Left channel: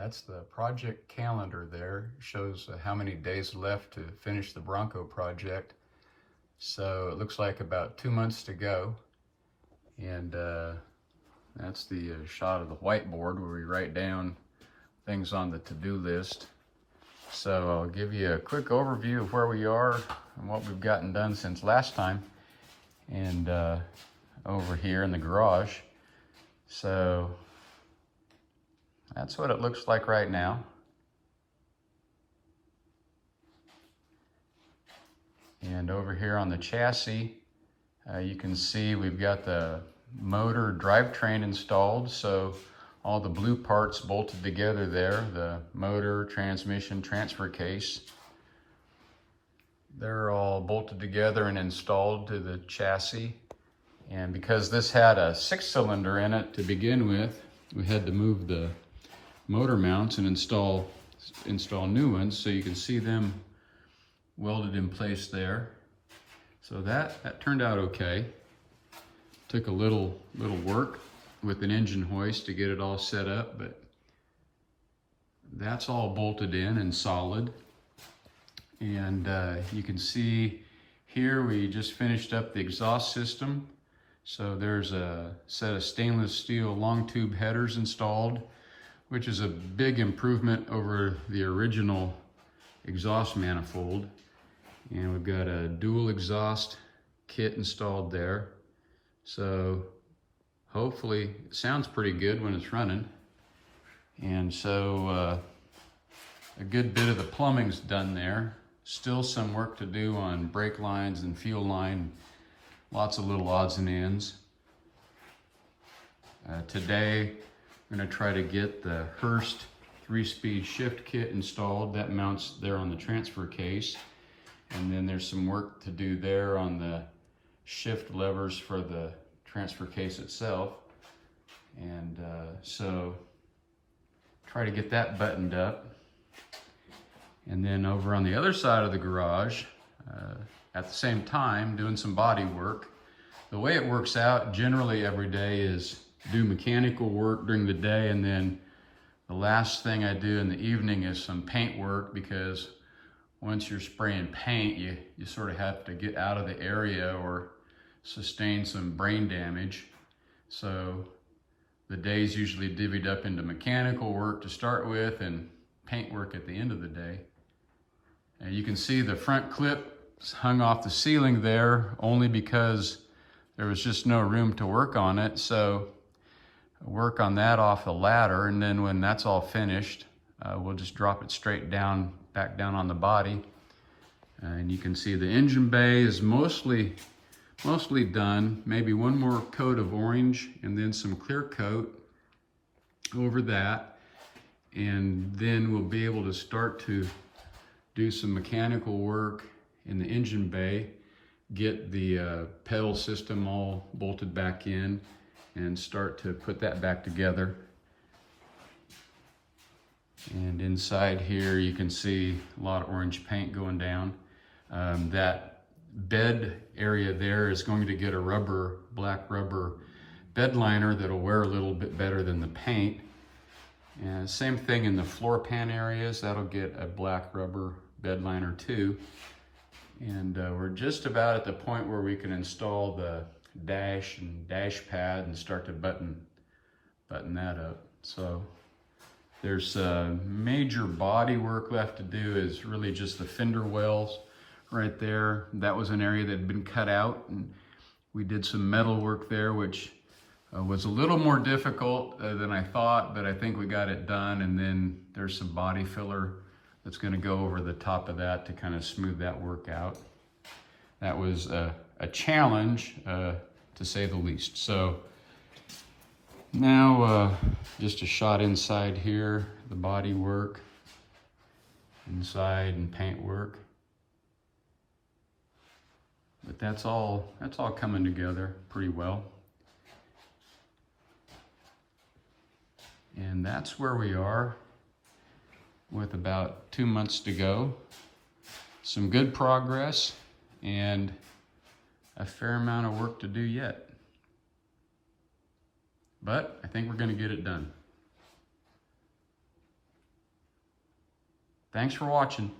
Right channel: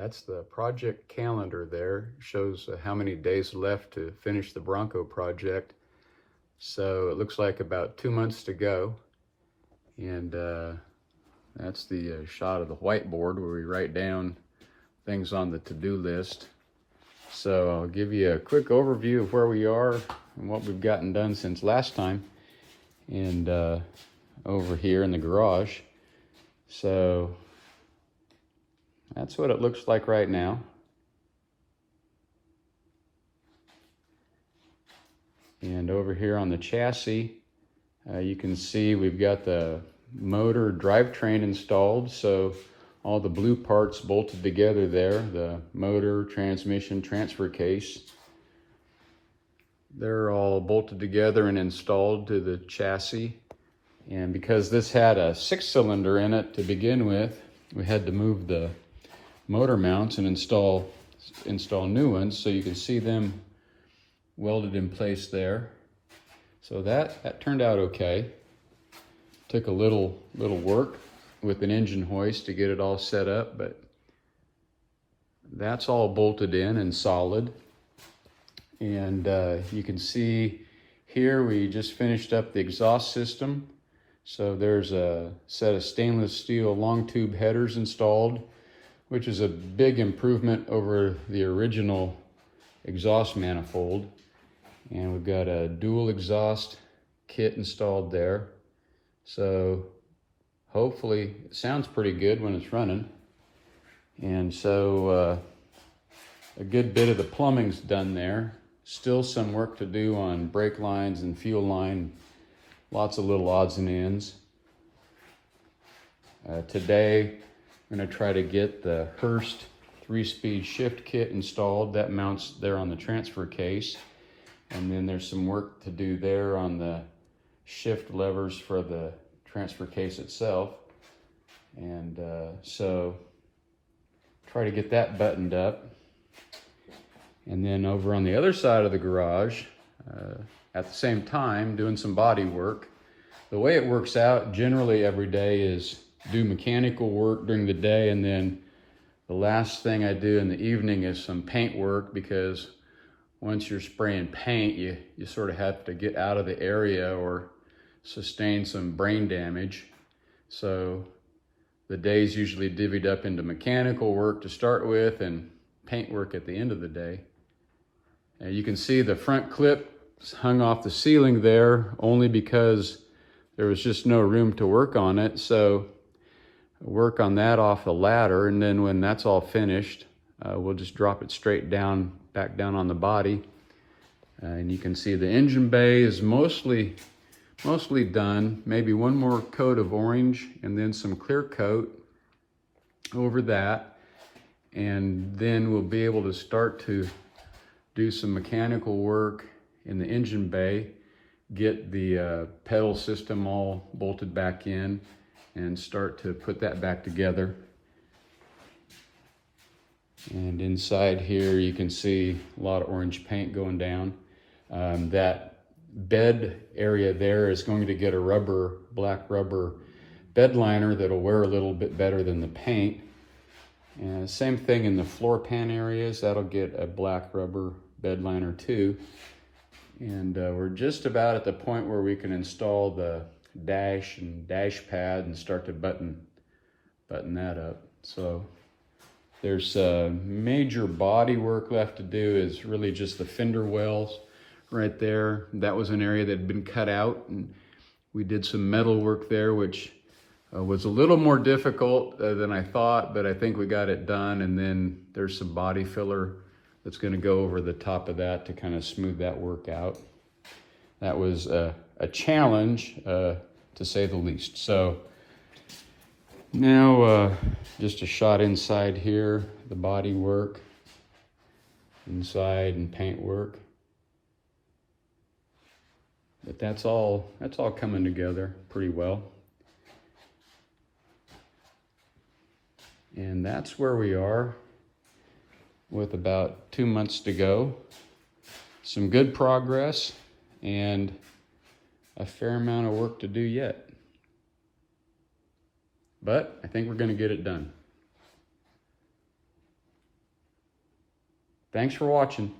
That's the project calendar there. Shows how many days left to finish the Bronco project. So it looks like about 2 months to go. And that's the shot of the whiteboard where we write down things on the to-do list. So I'll give you a quick overview of where we are and what we've gotten done since last time. And over here in the garage. So that's what it looks like right now. And over here on the chassis, you can see we've got the motor drivetrain installed. So all the blue parts bolted together there, the motor, transmission, transfer case. They're all bolted together and installed to the chassis. And because this had a 6-cylinder in it to begin with, we had to move the motor mounts and install new ones, so you can see them welded in place there. So that turned out okay. Took a little work with an engine hoist to get it all set up, but that's all bolted in and solid. And you can see here we just finished up the exhaust system. So there's a set of stainless steel long tube headers installed, which is a big improvement over the original exhaust manifold. And we've got a dual exhaust kit installed there. So hopefully it sounds pretty good when it's running. And so a good bit of the plumbing's done there. Still some work to do on brake lines and fuel line. Lots of little odds and ends. Today, I'm going to try to get the Hurst 3-speed shift kit installed. That mounts there on the transfer case. And then there's some work to do there on the shift levers for the transfer case itself. And so try to get that buttoned up. And then over on the other side of the garage, at the same time, doing some body work. The way it works out generally every day is do mechanical work during the day, and then the last thing I do in the evening is some paint work, because once you're spraying paint, you sort of have to get out of the area or sustain some brain damage. So the day's usually divvied up into mechanical work to start with and paint work at the end of the day. And you can see the front clip hung off the ceiling there only because there was just no room to work on it. So work on that off the ladder, and then when that's all finished, we'll just drop it straight down, back down on the body. And you can see the engine bay is mostly done. Maybe one more coat of orange and then some clear coat over that. And then we'll be able to start to do some mechanical work in the engine bay, get the pedal system all bolted back in, and start to put that back together. And inside here you can see a lot of orange paint going down. That bed area there is going to get a black rubber bed liner that'll wear a little bit better than the paint. And same thing in the floor pan areas, that'll get a black rubber bed liner too. And we're just about at the point where we can install the dash and dash pad and start to button that up. So there's major body work left to do, is really just the fender wells right there. That was an area that had been cut out, and we did some metal work there, which was a little more difficult than I thought, but I think we got it done. And then there's some body filler that's going to go over the top of that to kind of smooth that work out. That was a challenge, to say the least. So now just a shot inside here, the body work, inside and paint work. But that's all coming together pretty well. And that's where we are with about 2 months to go. Some good progress and a fair amount of work to do yet. But I think we're going to get it done. Thanks for watching.